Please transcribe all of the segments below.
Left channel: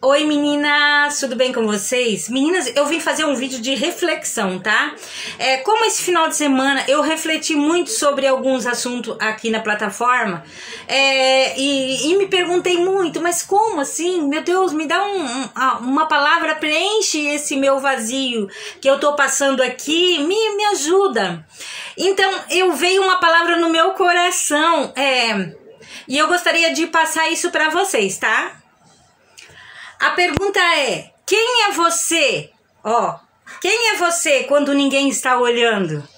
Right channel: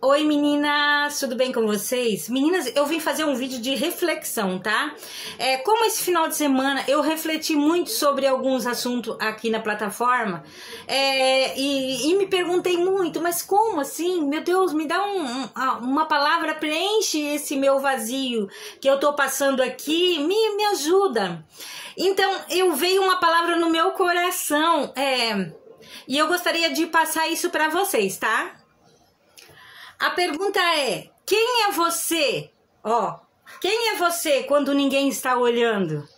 Oi meninas, tudo bem com vocês? Meninas, eu vim fazer um vídeo de reflexão, tá? Como esse final de semana eu refleti muito sobre alguns assuntos aqui na plataforma e me perguntei muito, mas como assim? Meu Deus, me dá uma palavra, preenche esse meu vazio que eu tô passando aqui, me ajuda. Então, veio uma palavra no meu coração e eu gostaria de passar isso pra vocês, tá? A pergunta é, quem é você? Quem é você quando ninguém está olhando?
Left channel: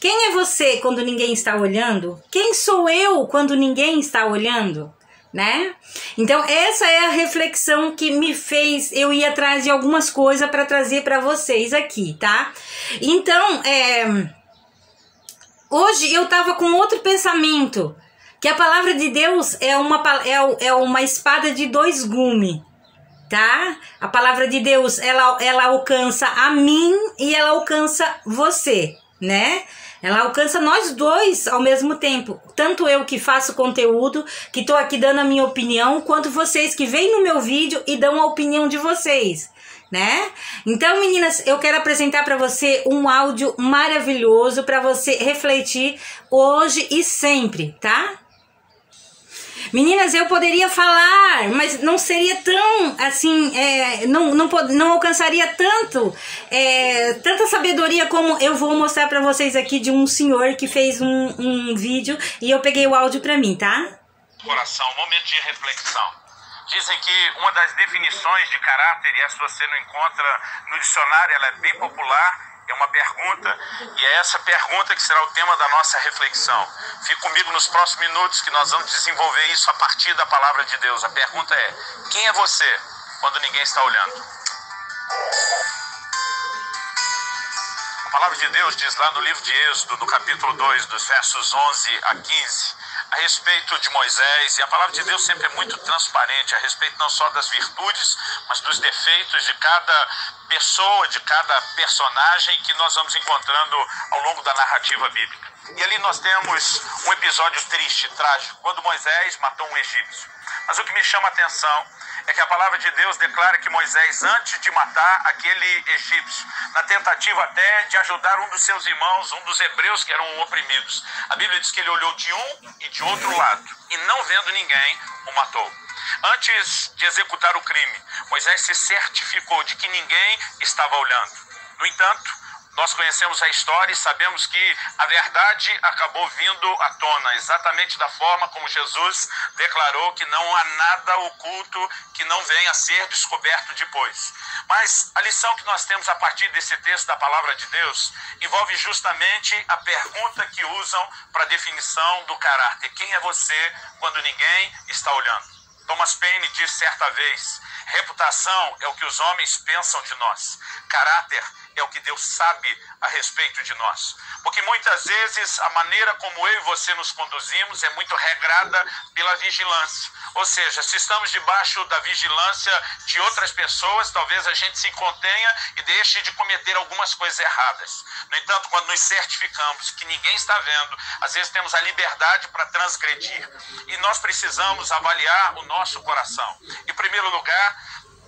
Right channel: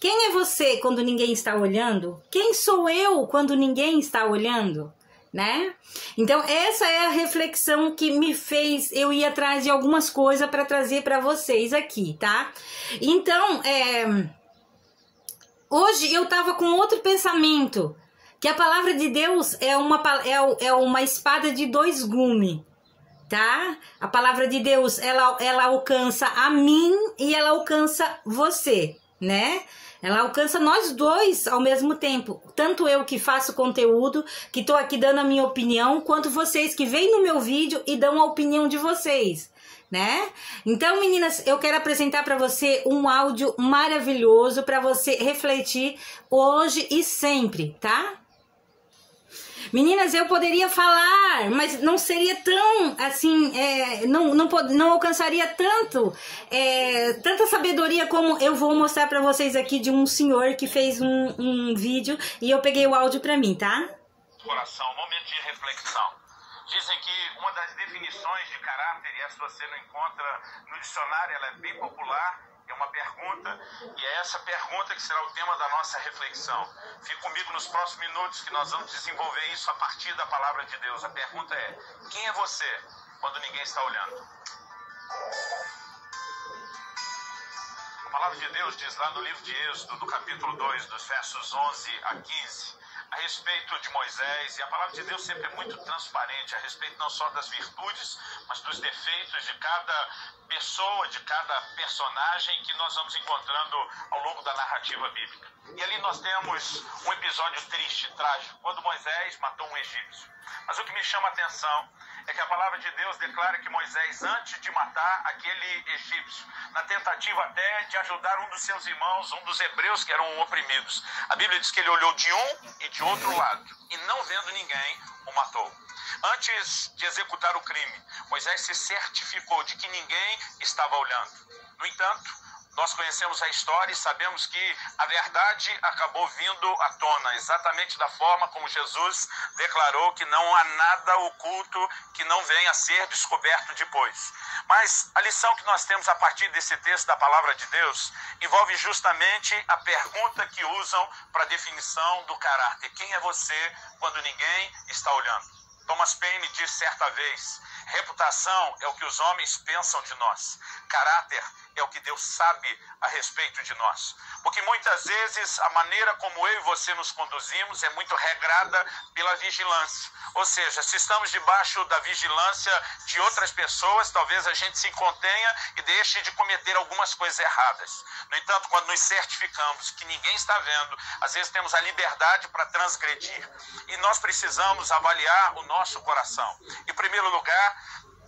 Quem é você quando ninguém está olhando? Quem sou eu quando ninguém está olhando? Né? Então essa é a reflexão que me fez eu ir atrás de algumas coisas para trazer para vocês aqui, tá? Então, hoje eu tava com outro pensamento, que a palavra de Deus é uma espada de dois gumes. Tá? A palavra de Deus, ela alcança a mim e ela alcança você, né? Ela alcança nós dois ao mesmo tempo. Tanto eu que faço conteúdo, que tô aqui dando a minha opinião, quanto vocês que veem no meu vídeo e dão a opinião de vocês, né? Então, meninas, eu quero apresentar para você um áudio maravilhoso para você refletir hoje e sempre, tá? Meninas, eu poderia falar, mas não seria tão, assim, não alcançaria tanta sabedoria como eu vou mostrar pra vocês aqui de um senhor que fez um vídeo e eu peguei o áudio pra mim, tá? Coração, momento de reflexão. Dizem que uma das definições de caráter, e essa você não encontra no dicionário, ela é bem popular, é uma pergunta, e é essa pergunta que será o tema da nossa reflexão. Fique comigo nos próximos minutos que nós vamos desenvolver isso a partir da palavra de Deus. A pergunta é, quem é você quando ninguém está olhando? A palavra de Deus diz lá no livro de Êxodo, no capítulo 2, dos versos 11 a 15, a respeito de Moisés, e a palavra de Deus sempre é muito transparente, a respeito não só das virtudes, mas dos defeitos de cada pessoa, de cada personagem que nós vamos encontrando ao longo da narrativa bíblica. E ali nós temos um episódio triste, trágico, quando Moisés matou um egípcio. Mas o que me chama a atenção é que a palavra de Deus declara que Moisés, antes de matar aquele egípcio, na tentativa até de ajudar um dos seus irmãos, um dos hebreus que eram oprimidos, a Bíblia diz que ele olhou de um e de outro lado, e não vendo ninguém, o matou. Antes de executar o crime, Moisés se certificou de que ninguém estava olhando. No entanto, nós conhecemos a história e sabemos que a verdade acabou vindo à tona, exatamente da forma como Jesus declarou que não há nada oculto que não venha a ser descoberto depois. Mas a lição que nós temos a partir desse texto da palavra de Deus envolve justamente a pergunta que usam para a definição do caráter. Quem é você quando ninguém está olhando? Thomas Paine disse certa vez, reputação é o que os homens pensam de nós, caráter é o que Deus sabe a respeito de nós. Porque muitas vezes a maneira como eu e você nos conduzimos é muito regrada pela vigilância. Ou seja, se estamos debaixo da vigilância de outras pessoas, talvez a gente se contenha e deixe de cometer algumas coisas erradas. No entanto, quando nos certificamos que ninguém está vendo, às vezes temos a liberdade para transgredir. E nós precisamos avaliar o nosso coração. Em primeiro lugar,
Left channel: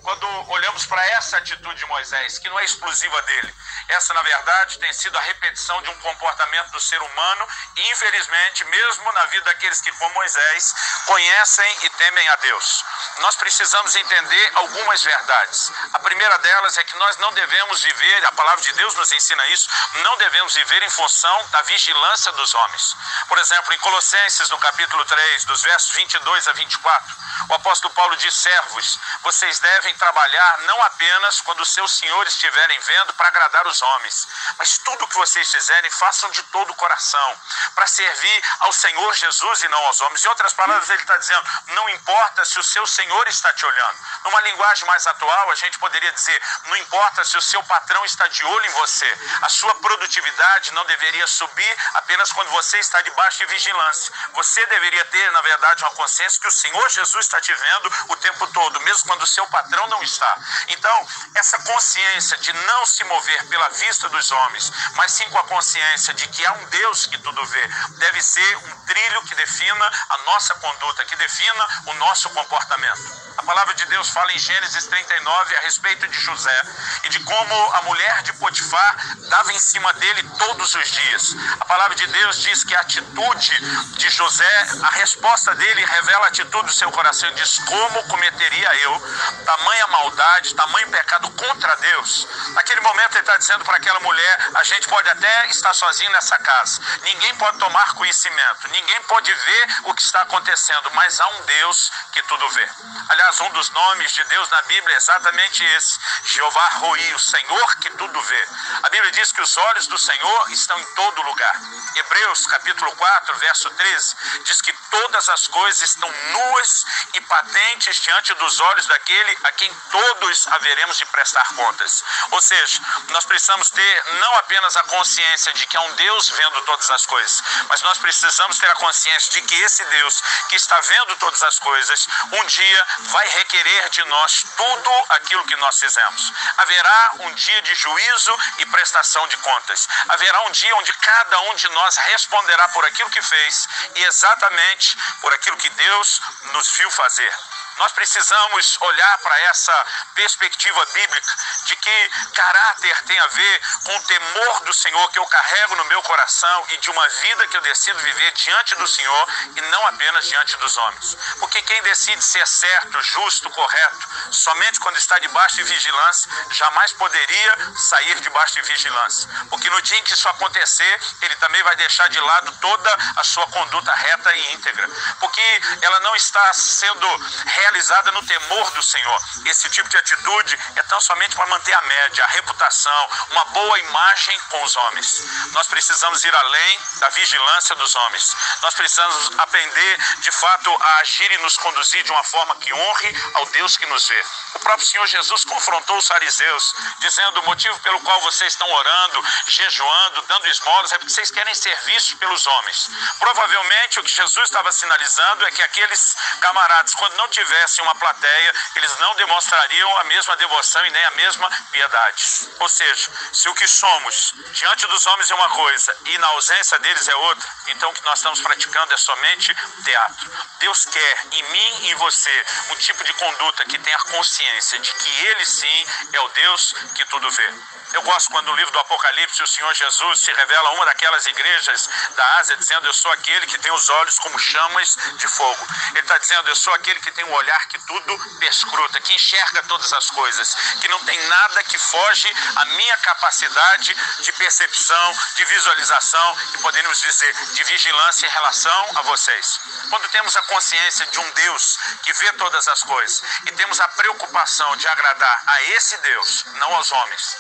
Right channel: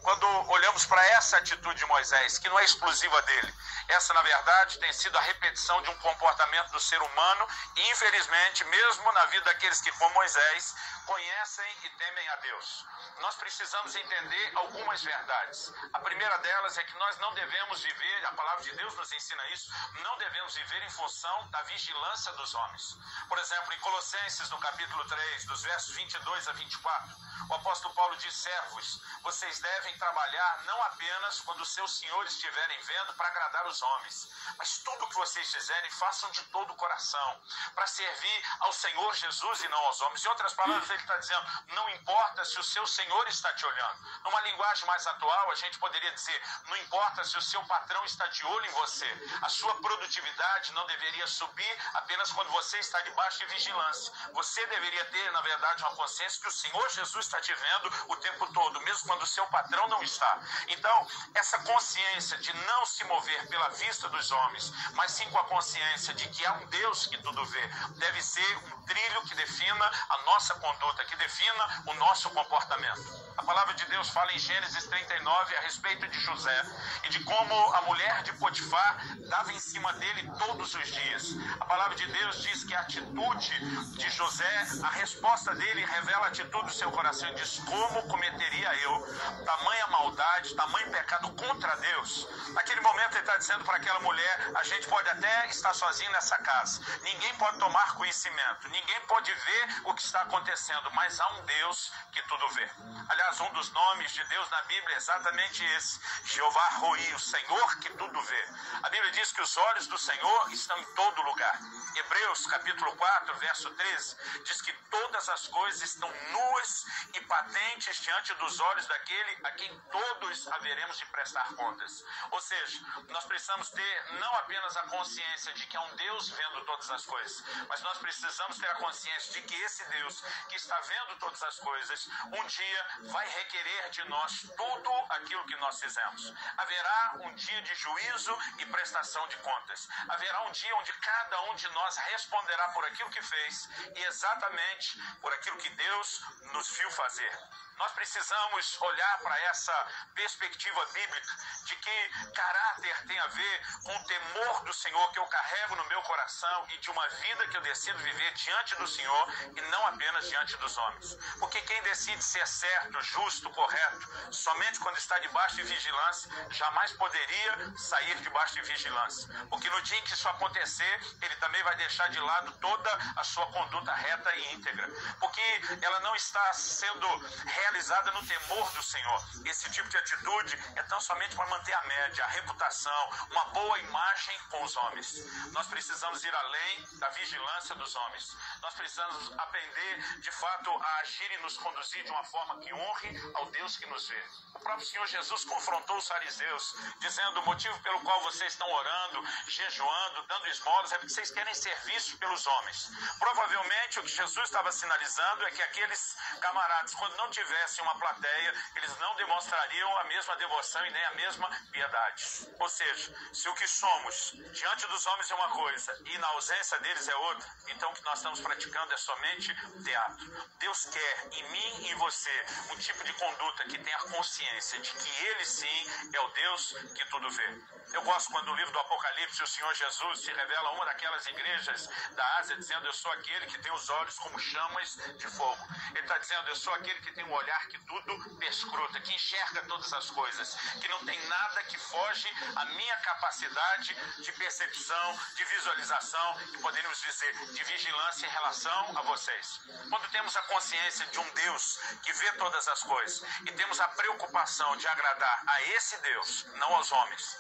quando olhamos para essa atitude de Moisés, que não é exclusiva dele, essa, na verdade, tem sido a repetição de um comportamento do ser humano e, infelizmente, mesmo na vida daqueles que, como Moisés, conhecem e temem a Deus. Nós precisamos entender algumas verdades. A primeira delas é que nós não devemos viver, a palavra de Deus nos ensina isso, não devemos viver em função da vigilância dos homens. Por exemplo, em Colossenses, no capítulo 3, dos versos 22 a 24, o apóstolo Paulo diz, servos, vocês devem trabalhar não apenas quando os seus senhores estiverem vendo para agradar os homens, mas tudo o que vocês fizerem, façam de todo o coração, para servir ao Senhor Jesus e não aos homens. Em outras palavras, ele está dizendo, não importa se o seu Senhor está te olhando. Numa linguagem mais atual, a gente poderia dizer, não importa se o seu patrão está de olho em você, a sua produtividade não deveria subir apenas quando você está debaixo de vigilância. Você deveria ter, na verdade, uma consciência que o Senhor Jesus está te vendo o tempo todo, mesmo quando o seu patrão ou não está? Então, essa consciência de não se mover pela vista dos homens, mas sim com a consciência de que há um Deus que tudo vê, deve ser um trilho que defina a nossa conduta, que defina o nosso comportamento. A palavra de Deus fala em Gênesis 39 a respeito de José e de como a mulher de Potifar dava em cima dele todos os dias. A palavra de Deus diz que a atitude de José, a resposta dele revela a atitude do seu coração e diz: como cometeria eu tamanha maldade, tamanho pecado contra Deus? Naquele momento ele está dizendo para aquela mulher: a gente pode até estar sozinho nessa casa, ninguém pode tomar conhecimento, ninguém pode ver o que está acontecendo, mas há um Deus que tudo vê. Aliás, um dos nomes de Deus na Bíblia é exatamente esse: Jeová Roi, o Senhor que tudo vê. A Bíblia diz que os olhos do Senhor estão em todo lugar. Hebreus capítulo 4, verso 13, diz que todas as coisas estão nuas e patentes diante dos olhos daquele a quem todos haveremos de prestar contas. Ou seja, nós precisamos ter não apenas a consciência de que há um Deus vendo todas as coisas, mas nós precisamos ter a consciência de que esse Deus que está vendo todas as coisas, um dia vai requerer de nós tudo aquilo que nós fizemos. Haverá um dia de juízo e prestação de contas. Haverá um dia onde cada um de nós responderá por aquilo que fez e exatamente por aquilo que Deus nos viu fazer. Nós precisamos olhar para essa perspectiva bíblica de que caráter tem a ver com o temor do Senhor que eu carrego no meu coração e de uma vida que eu decido viver diante do Senhor e não apenas diante dos homens. Porque quem decide ser certo, justo, correto, somente quando está debaixo de vigilância, jamais poderia sair debaixo de vigilância. Porque no dia em que isso acontecer, ele também vai deixar de lado toda a sua conduta reta e íntegra. Porque ela não está sendo realizada no temor do Senhor. Esse tipo de atitude é tão somente para manter a média, a reputação, uma boa imagem com os homens. Nós precisamos ir além da vigilância dos homens. Nós precisamos aprender, de fato, a agir e nos conduzir de uma forma que honre ao Deus que nos vê. O próprio Senhor Jesus confrontou os fariseus, dizendo: o motivo pelo qual vocês estão orando, jejuando, dando esmolas, é porque vocês querem ser vistos pelos homens. Provavelmente o que Jesus estava sinalizando é que aqueles camaradas, quando não tivessem uma plateia, eles não demonstrariam a mesma devoção e nem a mesma piedade. Ou seja, se o que somos diante dos homens é uma coisa e na ausência deles é outra, então o que nós estamos praticando é somente teatro. Deus quer em mim e em você um tipo de conduta que tenha consciência de que Ele sim é o Deus que tudo vê. Eu gosto quando no livro do Apocalipse o Senhor Jesus se revela a uma daquelas igrejas da Ásia, dizendo: eu sou aquele que tem os olhos como chamas de fogo. Ele está dizendo: eu sou aquele que tem um olhar que tudo perscruta, que enxerga todas as coisas, que não tem nada que foge à minha capacidade de percepção, de visualização e, poderíamos dizer, de vigilância em relação a vocês. Quando temos a consciência de um Deus que vê todas as coisas e temos a preocupação de agradar a esse Deus, não aos homens.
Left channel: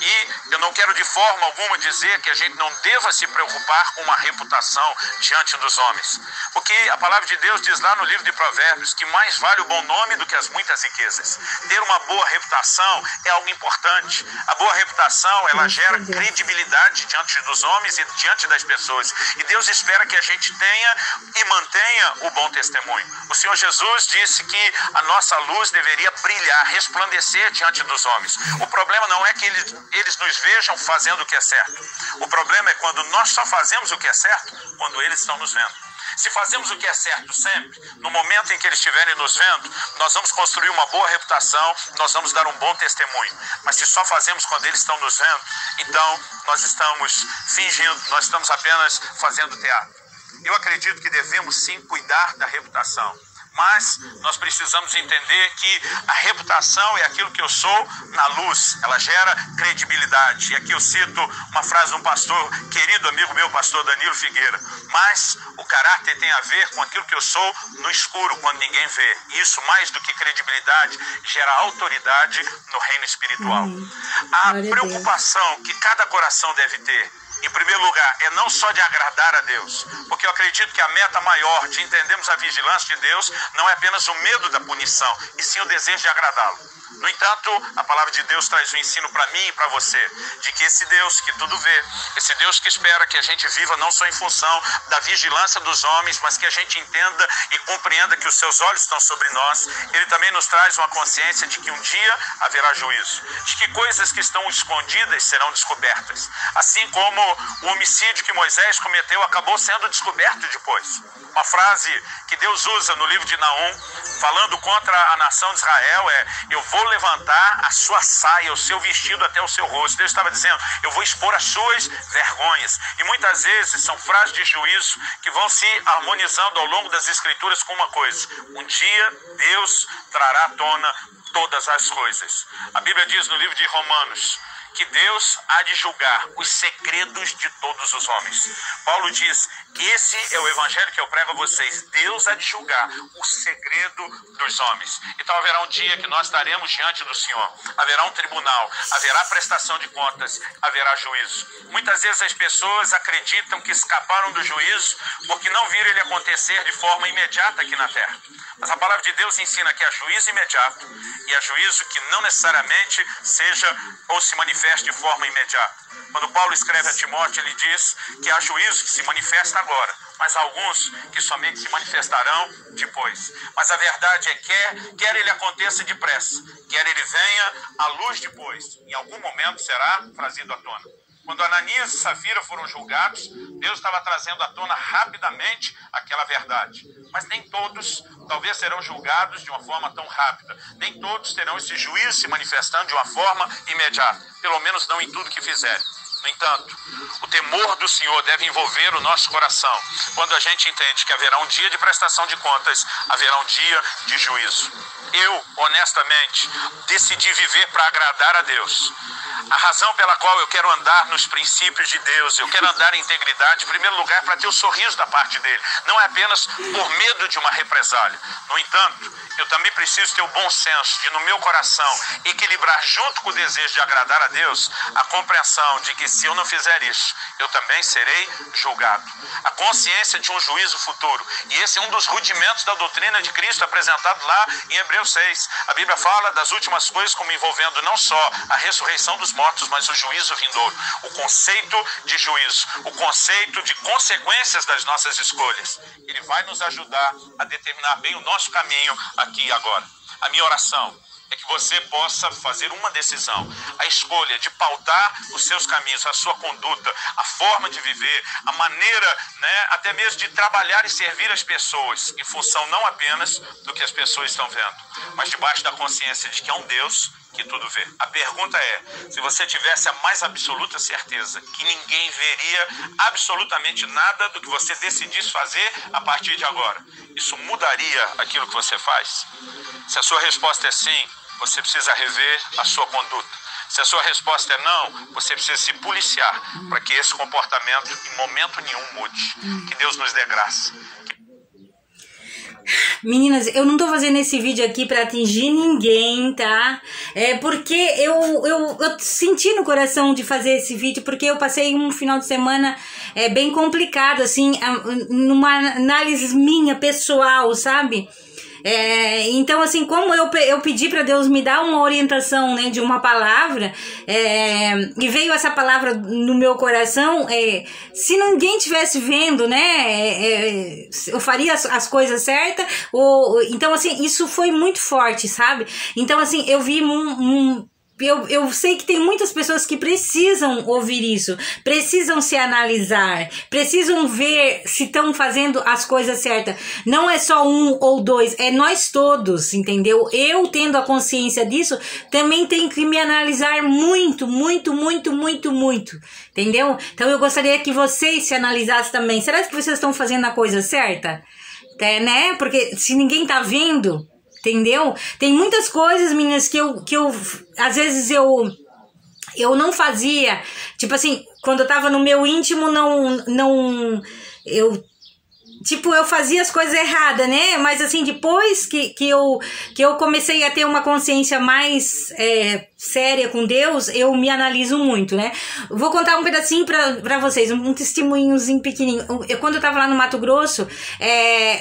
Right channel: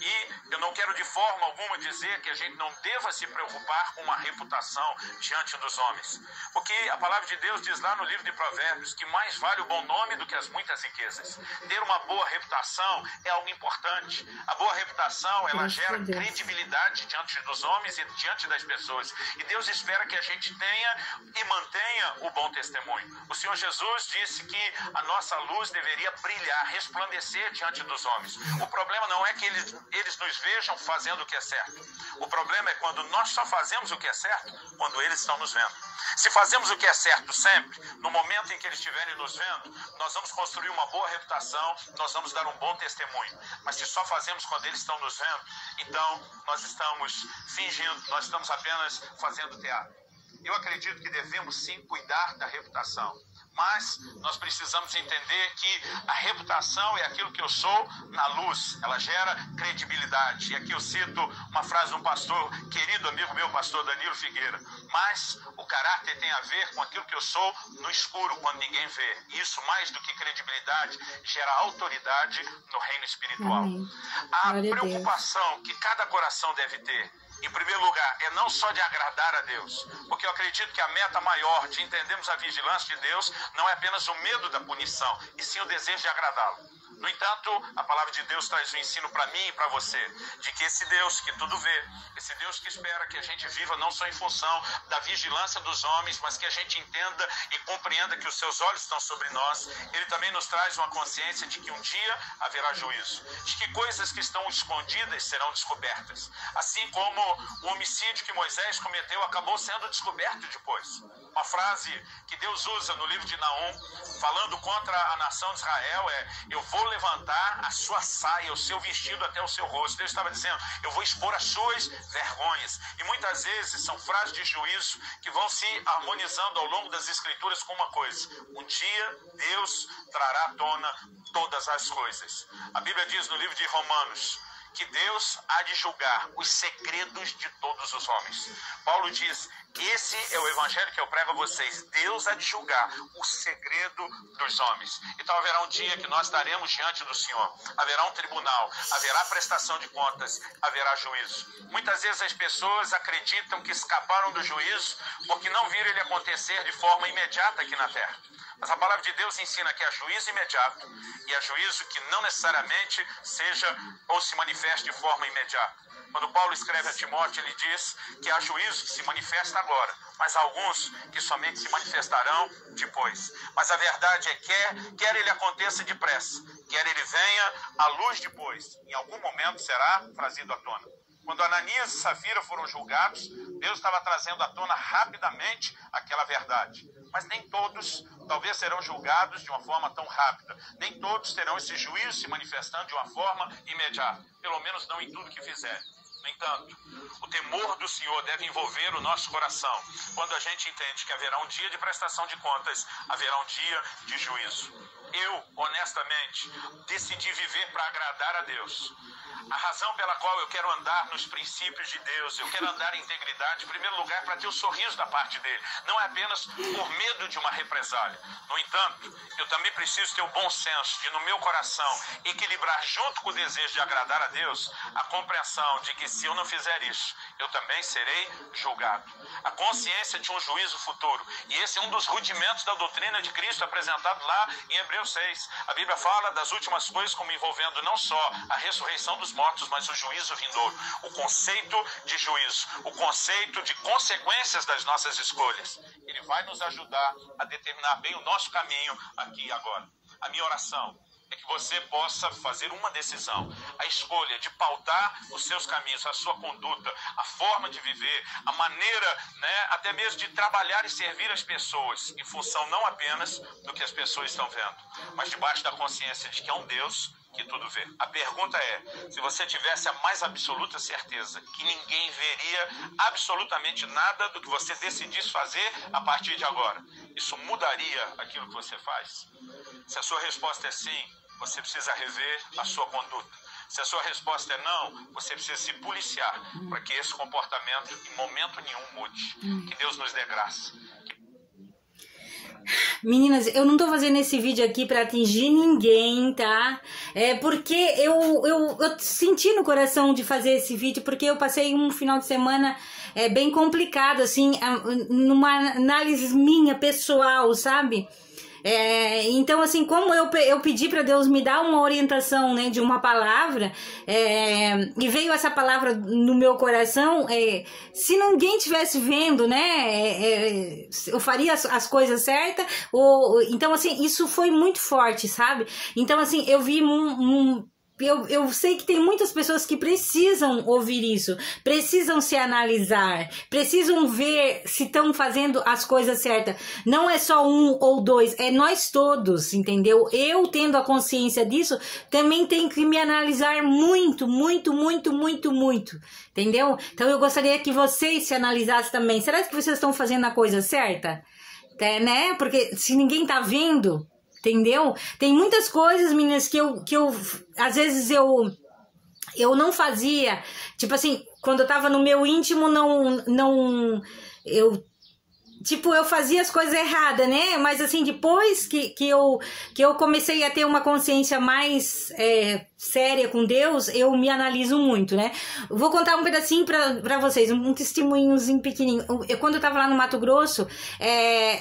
E eu não quero de forma alguma dizer que a gente não deva se preocupar com uma reputação diante dos homens. Porque a palavra de Deus diz lá no livro de Provérbios que mais vale o bom nome do que as muitas riquezas. Ter uma boa reputação é algo importante. A boa reputação, ela gera credibilidade diante dos homens e diante das pessoas. E Deus espera que a gente tenha e mantenha o bom testemunho. O Senhor Jesus disse que a nossa luz deveria brilhar, resplandecer diante dos homens. O problema não é que eles nos vejam fazendo o que é certo. O problema é quando nós só fazemos o que é certo quando eles estão nos vendo. Se fazemos o que é certo sempre, no momento em que eles estiverem nos vendo, nós vamos construir uma boa reputação, nós vamos dar um bom testemunho. Mas se só fazemos quando eles estão nos vendo, então nós estamos fingindo, nós estamos apenas fazendo teatro. Eu acredito que devemos sim cuidar da reputação. Mas nós precisamos entender que a reputação é aquilo que eu sou na luz, ela gera credibilidade. E aqui eu cito uma frase de um pastor, querido amigo meu, pastor Danilo Figueira: mas o caráter tem a ver com aquilo que eu sou no escuro, quando ninguém vê. Isso, mais do que credibilidade, gera autoridade no reino espiritual. A preocupação que cada coração deve ter, em primeiro lugar, é não só de agradar a Deus, porque eu acredito que a meta maior de entendermos a vigilância de Deus não é apenas o medo da punição, e sim o desejo de agradá-lo. No entanto, a palavra de Deus traz um ensino para mim e para você, de que esse Deus que tudo vê, esse Deus que espera que a gente viva não só em função da vigilância dos homens, mas que a gente entenda e compreenda que os seus olhos estão sobre nós, ele também nos traz uma consciência de que um dia haverá juízo, de que coisas que estão escondidas serão descobertas, assim como o homicídio que Moisés cometeu acabou sendo descoberto depois. Uma frase que Deus usa no livro de Naum, falando contra a nação de Israel, é: eu vou levantar a sua saia, o seu vestido até o seu rosto. Deus estava dizendo: eu vou expor as suas vergonhas. E muitas vezes são frases de juízo que vão se harmonizando ao longo das Escrituras com uma coisa: um dia Deus trará à tona todas as coisas. A Bíblia diz no livro de Romanos que Deus há de julgar os segredos de todos os homens. Paulo diz que esse é o evangelho que eu prego a vocês. Deus há de julgar o segredo dos homens. Então haverá um dia que nós estaremos diante do Senhor. Haverá um tribunal, haverá prestação de contas, haverá juízo. Muitas vezes as pessoas acreditam que escaparam do juízo porque não viram ele acontecer de forma imediata aqui na terra. Mas a palavra de Deus ensina que há juízo imediato e há juízo que não necessariamente seja ou se manifeste de forma imediata. Quando Paulo escreve a Timóteo, ele diz que há juízo que se manifesta agora, mas há alguns que somente se manifestarão depois. Mas a verdade é que quer ele aconteça depressa, quer ele venha à luz depois, em algum momento será trazido à tona. Quando Ananias e Safira foram julgados, Deus estava trazendo à tona rapidamente aquela verdade. Mas nem todos, talvez, serão julgados de uma forma tão rápida. Nem todos terão esse juízo se manifestando de uma forma imediata. Pelo menos não em tudo que fizerem. No entanto, o temor do Senhor deve envolver o nosso coração. Quando a gente entende que haverá um dia de prestação de contas, haverá um dia de juízo. Eu, honestamente, decidi viver para agradar a Deus. A razão pela qual eu quero andar nos princípios de Deus, eu quero andar em integridade, em primeiro lugar, é para ter o sorriso da parte dele. Não é apenas por medo de uma represália. No entanto, eu também preciso ter o bom senso de, no meu coração, equilibrar junto com o desejo de agradar a Deus, a compreensão de que se eu não fizer isso, eu também serei julgado. A consciência de um juízo futuro. E esse é um dos rudimentos da doutrina de Cristo apresentado lá em Hebreus 6. A Bíblia fala das últimas coisas como envolvendo não só a ressurreição dos mortos, mas o juízo vindouro. O conceito de juízo, o conceito de consequências das nossas escolhas. Ele vai nos ajudar a determinar bem o nosso caminho aqui e agora. A minha oração é que você possa fazer uma decisão, a escolha de pautar os seus caminhos, a sua conduta, a forma de viver, a maneira, até mesmo de trabalhar e servir as pessoas, em função não apenas do que as pessoas estão vendo, mas debaixo da consciência de que é um Deus que tudo vê. A pergunta é, se você tivesse a mais absoluta certeza que ninguém veria absolutamente nada do que você decidisse fazer a partir de agora, isso mudaria aquilo que você faz? Se a sua resposta é sim, você precisa rever a sua conduta. Se a sua resposta é não, você precisa se policiar para que esse comportamento em momento nenhum mude. Que Deus nos dê graça. Meninas, eu não tô fazendo esse vídeo aqui pra atingir ninguém, tá? Porque eu senti no coração de fazer esse vídeo, porque eu passei um final de semana bem complicado, assim, numa análise minha, pessoal, sabe? Então, assim, como eu pedi para Deus me dar uma orientação, né, de uma palavra, e veio essa palavra no meu coração, se ninguém estivesse vendo, né, eu faria as coisas certas, então, assim, isso foi muito forte, sabe? Então, assim, eu vi eu sei que tem muitas pessoas que precisam ouvir isso, precisam se analisar, precisam ver se estão fazendo as coisas certas. Não é só um ou dois, é nós todos, entendeu? Eu, tendo a consciência disso, também tenho que me analisar muito, muito, muito, muito, muito, entendeu? Então eu gostaria que vocês se analisassem também. Será que vocês estão fazendo a coisa certa? Né? Porque se ninguém tá vendo... Entendeu? Tem muitas coisas, meninas, que eu às vezes eu não fazia. Tipo assim, quando eu tava no meu íntimo, eu tipo, eu fazia as coisas erradas, né? Mas assim, depois que eu comecei a ter uma consciência mais séria com Deus, eu me analiso muito, né? Vou contar um pedacinho pra vocês, um testemunhozinho pequenininho. Quando eu tava lá no Mato Grosso,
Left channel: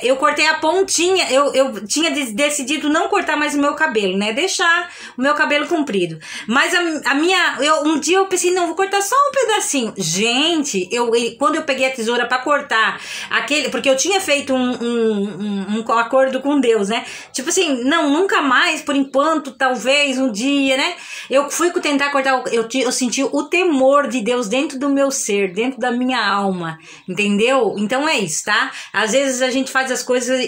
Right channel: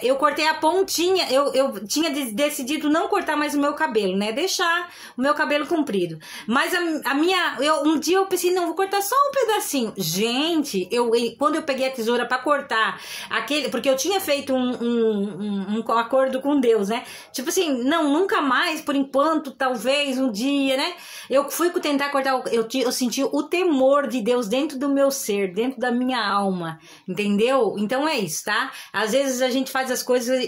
eu cortei a pontinha, eu tinha decidido não cortar mais o meu cabelo, né? Deixar o meu cabelo comprido. Mas um dia eu pensei, não, vou cortar só um pedacinho. Gente, quando eu peguei a tesoura pra cortar porque eu tinha feito um acordo com Deus, né? Tipo assim, não, nunca mais, por enquanto, talvez um dia, né? Eu fui tentar cortar, eu senti o temor de Deus dentro do meu ser, dentro da minha alma, entendeu? Então é isso, tá? Às vezes a gente faz as coisas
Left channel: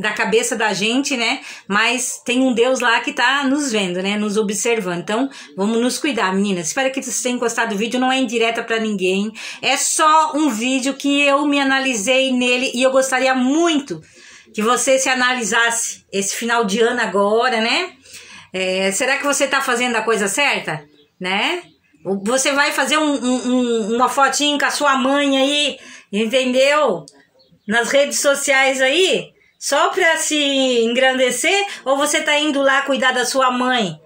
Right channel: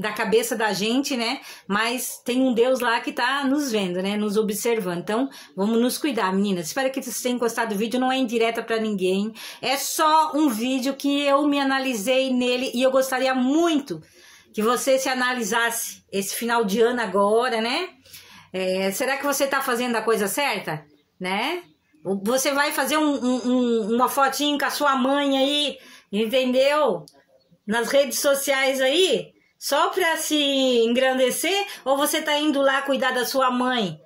da cabeça da gente, né? Mas tem um Deus lá que tá nos vendo, né? Nos observando. Então, vamos nos cuidar, meninas. Espero que vocês tenham gostado do vídeo. Não é indireta pra ninguém. É só um vídeo que eu me analisei nele e eu gostaria muito que você se analisasse esse final de ano agora, né? Será que você tá fazendo a coisa certa? Né? Você vai fazer uma fotinho com a sua mãe aí, entendeu? Nas redes sociais aí, só pra se engrandecer? Ou você tá indo lá cuidar da sua mãe?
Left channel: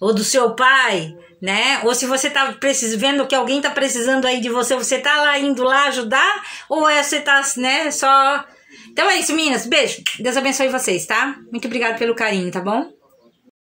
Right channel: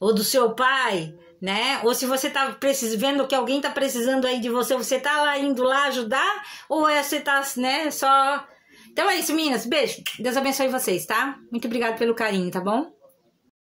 Ou do seu pai? Né? Ou se você tá vendo que alguém tá precisando aí de você tá lá indo lá ajudar? Ou você tá, né, só... Então é isso, meninas. Beijo. Deus abençoe vocês, tá? Muito obrigada pelo carinho, tá bom?